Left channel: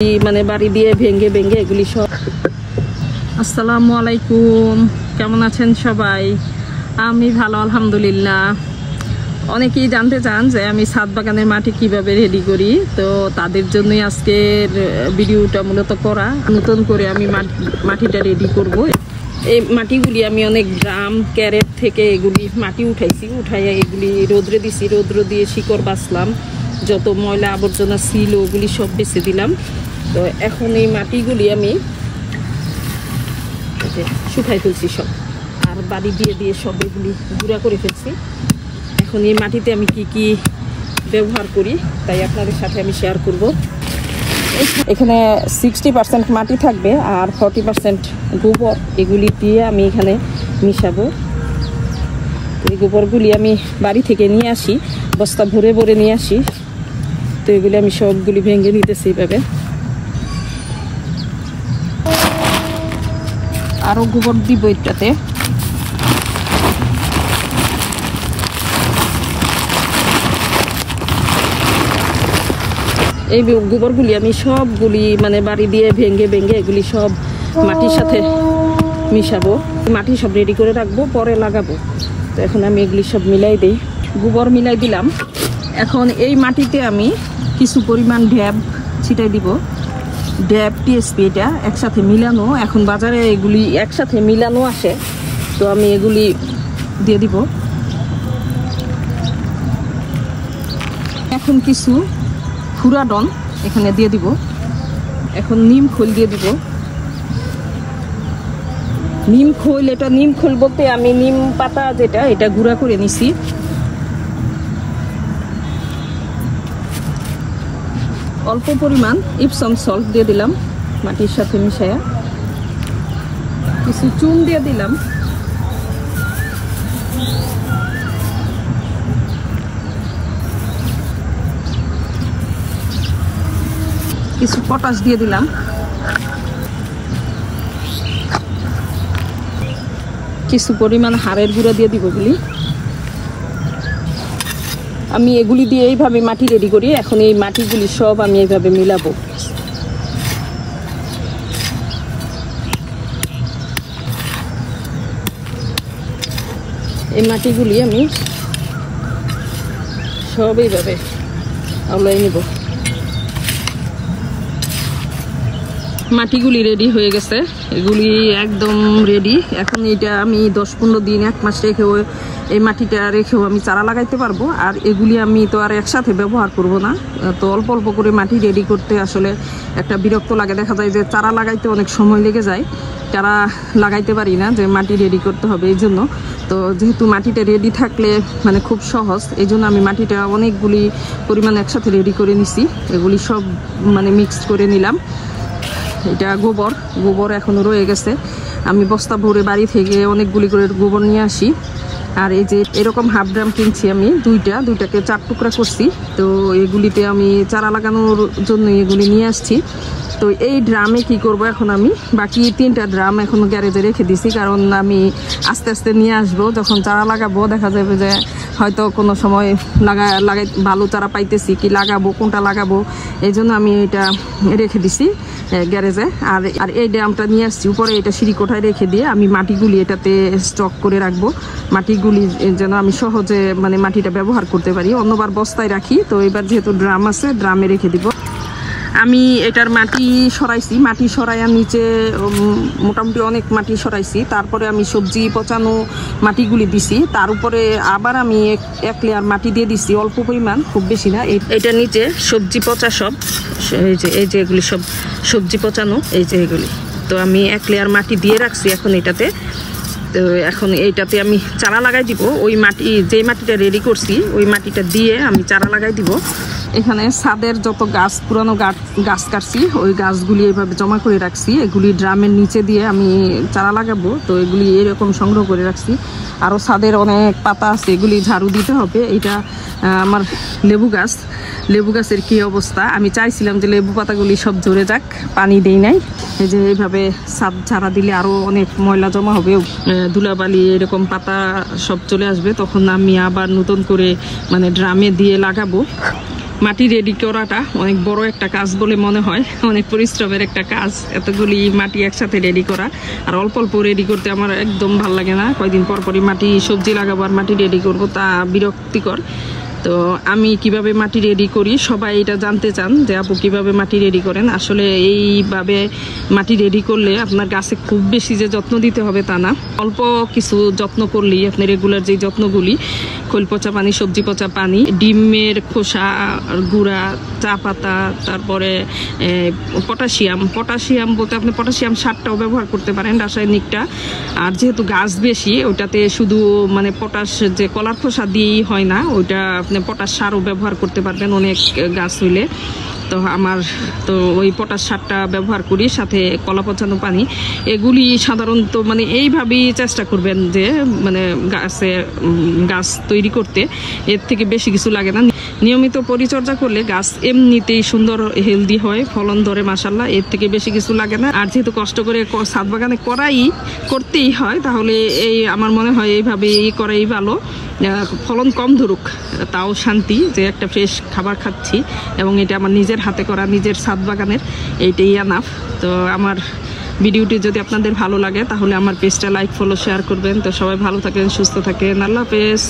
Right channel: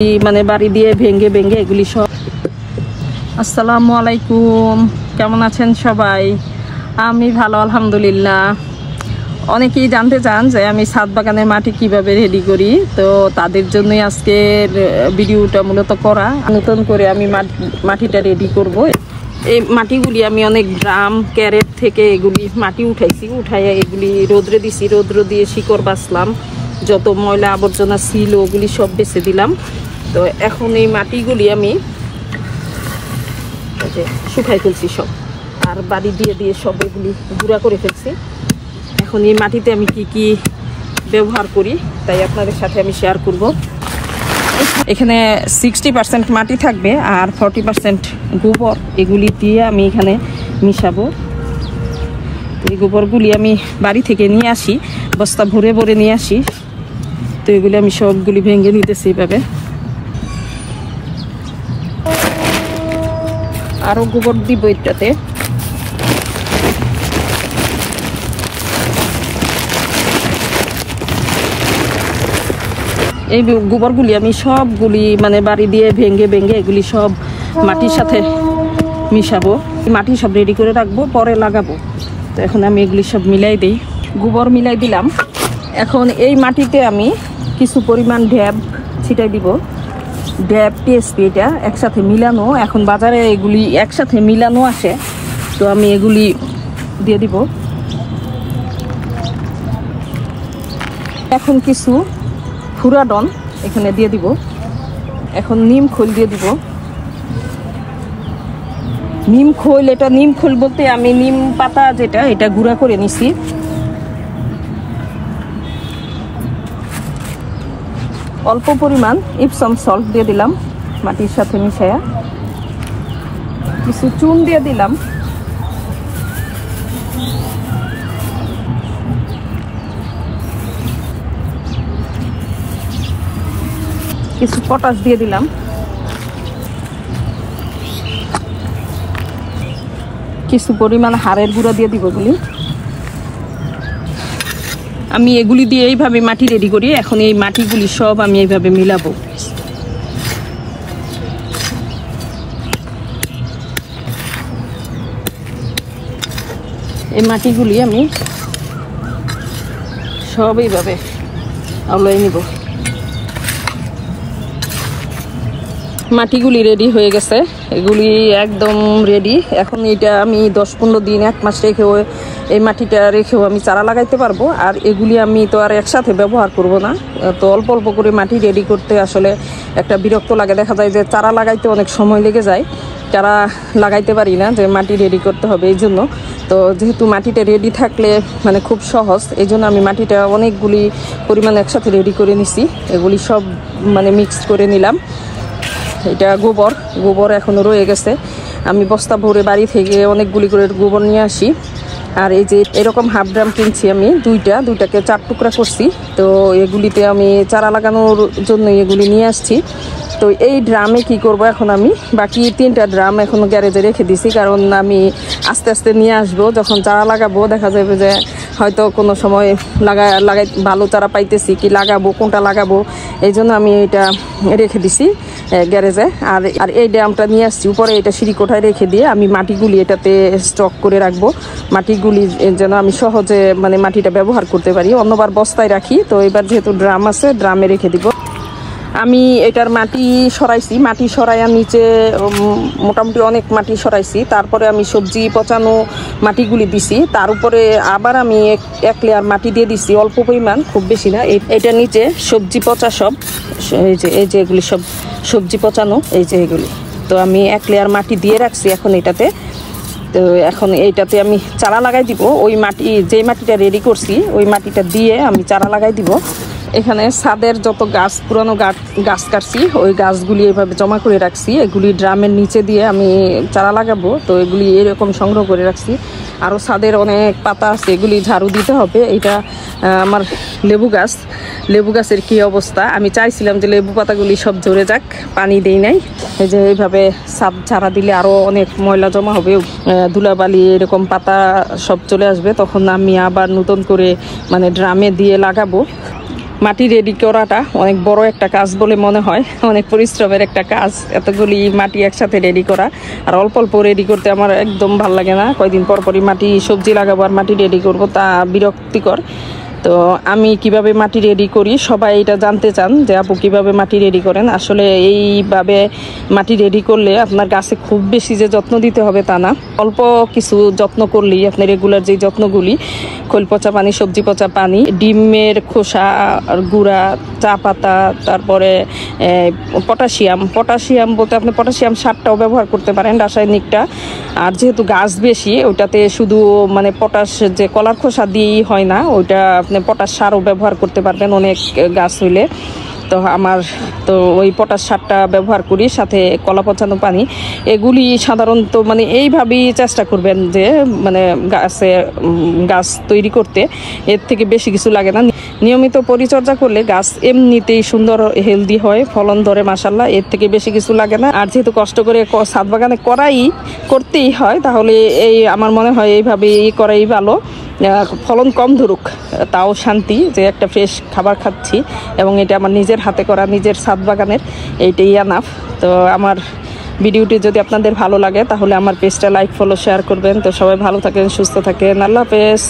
মানে বাড়ি দিয়ে ভেঙে ভেঙে এগুলি সব। আসসালামু আলাইকুম, কেমন আছেন সবাই? আমি ভালো আলহামদুলিল্লাহ। অনেকেই জানতে চান যে আমি ছাদ বাগানের মাটি কিভাবে রেডি করি, তো তাদের জন্যই আজকের ভিডিওটা মূলত করা। নতুন করে আমি মাটিটা রেডি করব। এই মাটিগুলি আমি অনেক ড্রাম ক্যারেট থেকে এগুলি মাটি উঠাইছি, উঠাইয়া এগুলি রোদ্রে দিছি, রোদ্র দিয়ে শিকড় বাছলাম, যত ময়লা আবর্জনা ছিল ওগুলি সব বেছে দিলাম। তো এখন এই মাটিগুলি আমি শুকাই ফেলছি সব, আর বাড়ি দিয়ে দিয়ে সব এগুলি গুঁড়া করে ফেলছি। এখন এই মাটিতে আমি কি কি ব্যবহার করি তাই আপনাদের সাথে আমি শেয়ার করব। এখানে 60% মাটি থাকবে আর 40% গোবর, এগুলি দিয়ে আমি এখানে মিশাবো। এই গোবরগুলি আমি বাড়ি থেকে নিয়ে আসি, বস্তা ভরে ভরে নিয়ে আসি। তো এগুলি আমি সবগুলি ভেঙে নিতেছি এভাবে। আরো গোবর দিব এটাতে। এই গোবরগুলি আমি সবগুলি মানে বাড়ি দিয়ে ভেঙে ভেঙে এগুলি সব মাটির সাথে মিশাবো। মাটি সব রেডি করে রাখবো, পরে লাগাবো। তো এখন আমি এগুলি সব মিলাই দিই, গোবর মিলাই দিলাম। এখন এই মাটিতে আমি কিছু পরিমাণ ঢ্যাব ছিটাই দিব। ঢ্যাব টিএসপি এটা একসাথে মিলানো, এখন বাজারে এগুলি একসাথে মিলানো আসে, তো আমি এগুলি দিয়ে দিব। এখন কিছু ফুরাডন এখানে দিয়ে দিব। এখন নিম খোল দিয়ে দিব। নিম খোল, এটা নিম খোল বলতে আমি নিম পাতা যেটা এটা গুঁড়া করে নিছি। অল্প পরিমাণ ইপসম সল্ট দিয়ে দিলাম মাটির সাথে মিশায়া। কিছু চুন দিয়ে দিলাম। কিছু পটাশ দিয়ে দিলাম। কিছু পরিমাণ হাড়ের গুঁড়া দিয়ে দিব। এগুলি আমি এগুলি দিয়ে এইভাবে মাটি রেডি করি। এখন এই মাটিগুলি সব আমি এইভাবে মিলাবো। এই মাটিগুলি আমি সব এইভাবে আউলাই নিব। মাটিগুলি রেডি হয়ে গেছে, এগুলি একদম রেডি। এখন এটা আমি 10-15 দিন 1 মাস রেখেও এই মাটিটা রেখেও আমি চারা লাগাইতে পারবো। আর এগুলি আমি তো আর একসাথে ব্যবহার করব না, তো অল্প অল্প করে মাটি রেডি করতে আসলে একটা বিরক্ত লাগে। দেখা যায় যে চারা লাগাইতে অনেক সময় লেগে যায়, চারা লাগাইতে পারি না, যে মাটি রেডি করতে হবে এই জন্য। তো যেহেতু মাটিটা রেডি থাকলে মানে খুব সহজ, এই জন্য আমি মাটিটা অনেকগুলি পরিমাণ একসাথে রেডি করে নিছি। এগুলি সব মানে মিক্সড করে নিলাম। এটা গোবর এখনো রয়ে গেছে। আমি বস্তা ভরে বাড়ি থেকে অনেকগুলি করে গোবর নিয়ে আসি। আর এই যে এরকম হাফ ড্রাম কিনছি আমি, দুইটাকে 4 টুকরা করছি। তো এগুলিতে আমি চারা লাগানোর জন্য এগুলি নিয়ে আসছি। তো এই ড্রামে কি করব, এখন আমি বাকি 3টা ড্রাম এখনো গ্যারেজে রেখে দিছি, কারণ আমি আস্তে আস্তে নিয়ে আসবো। যখন চারা লাগাবো দেখা যাবে যে হয়তো কোনো সময় লাগাই ভালো চারা পাইতেছি, কি লাগাবো কোনটা লাগাবো, এই জন্য আমি এটা রেখে দিছি গ্যারেজে। আর এই ড্রামটা নিয়ে আসছি উপরে, এটা সিঁড়ি কোঠায় রেখে দিয়ে আমি মাটিগুলি এটাতে স্টক করে রাখবো। মাটিগুলি যেন আমি সহজে মানে মাটিটা ব্যবহার করতে পারি। অন্যবার বস্তায় রাখি, তো এবার যেহেতু ড্রাম আছে ড্রামে রেখে দিব। আমি এটার মাটি সরাইছি, মাটি সরাইয়া নিচে মোটামুটি অনেক মাটি সরাইছি। তারপরে আমি সবজি পচানো মাটিগুলি দিছি, তার উপরে আবার আমি এক লেয়ার মাটি দিয়ে দিছি, অল্প পরিমাণ, খুব বেশি না। এটা নিচে সবজি পচা সব, এই যে এগুলি সব সবজি পচানো, এই যে এগুলি। তো আমি 1 লেয়ার মাটি দিয়ে রাখছি এখন এটাতে। তো এখন এইটাতে আমি চারা লাগাই দিব। ওই মাটি, যে মাটিটা রেডি করছি ওই মাটিটা দিয়ে আমি চারা লাগাই দিব। এখানে ছাদের যত গাছ, পুরানো গাছ কাটছি, ওই গাছগুলি এভাবে জমা করে রাখছি। এগুলি ড্রামের নিচে দিয়ে আমি চারা লাগাবো। তো এগুলি এরকম সংগ্রহ করে রাখছি। আরও ছাদের অনেক পাতা আছে, এগুলি ঝাড়ু দিতে হবে। এটা আমার লেবু গাছের কি অবস্থা। আমি চাইছিলাম যে লেবু পাতাগুলি সব ঝরে যাক, পানি দেই নাই। এই যে এইভাবে ছাদ ঝাড়া দিলে আরও অনেক ময়লা জমা হবে, ধুলাবালি এরকম পাতা সব চলে আসবে। তখন আমি আবার নতুন করে মানে ড্রামে দিয়ে লাগাবো। মাটি রেডি করাটা অনেক বড় একটা কাজ বলে মনে হয়, অনেক পরিশ্রমের একটা কাজ এতগুলি মাটি একসাথে রেডি করা। আর অল্প অল্প রেডি করতে আমার একদম ভাল লাগে না, কয়দিন পর পরই মাটি সবজি লাগাবো আর মাটি রেডি করব, তা বিরক্তিকর। তো আমি কিভাবে মাটি রেডি করি সবাই এটা জানতে চান যে আপু কিভাবে মাটি রেডি করেন। আসলে এইভাবে মাটি রেডি করলে আপনার গাছে খুব বেশি যে যত্ন দিতে হবে তা না, অল্প কিছু যত্ন করলেই আপনি রেগুলার যে যত্নগুলি, খোল পচা পানি, সবজি পচা পানি, ডিমের খোসা গুঁড়া, চা পাতা, তারপরে পটাশিয়াম বলতে আপনি পটাশিয়াম সারটাও ব্যবহার করতে পারেন, রাসায়নিকটা। আর যেহেতু গাছ বেশি ওইটাতে শুধু মানে পটাশ যে কলার খোসা দিয়েই হয় না, ওইটা আপনি পটাশ সারও ব্যবহার করতে পারবেন অনেক গাছ হইলে। তো আমার তো ওই পটাশ সারটা ব্যবহার করি, সাথে কলা পচানো পানি। এগুলি সাধারণত মানে এইভাবেই চেষ্টা করবেন যে মানে গাছ তৈরি করতে, এর থেকে বেশি কিছু লাগে না। নিয়মিত পরিচর্যা করলে গাছ এমনিতেই সুন্দর হেলদি হয়, ফলন ধরে মাশাআল্লাহ, এর থেকে বেশি কিছু লাগে না। আর যেহেতু কষ্ট করে ছাদ বাগানে করতেই হয়, তাহলে এই আমার মনে হয় এইভাবে করাই ভালো। ফলন কম ধরুক তাও শান্তি যে একটা ফ্রেশ খাবার খাচ্ছি, এবং এটা আমার নিজের হাতে করা, নিজের ছাদ বাগানের, এইটাই আনাফ। তো আমার ভিডিওটি যদি আপনাদের ভালো লাগে তাহলে আমার পেজটা লাইক, ফলো, শেয়ার করবেন। তো সবাই ভালো থাকেন, সুস্থ থাকেন, আল্লাহ হাফেজ।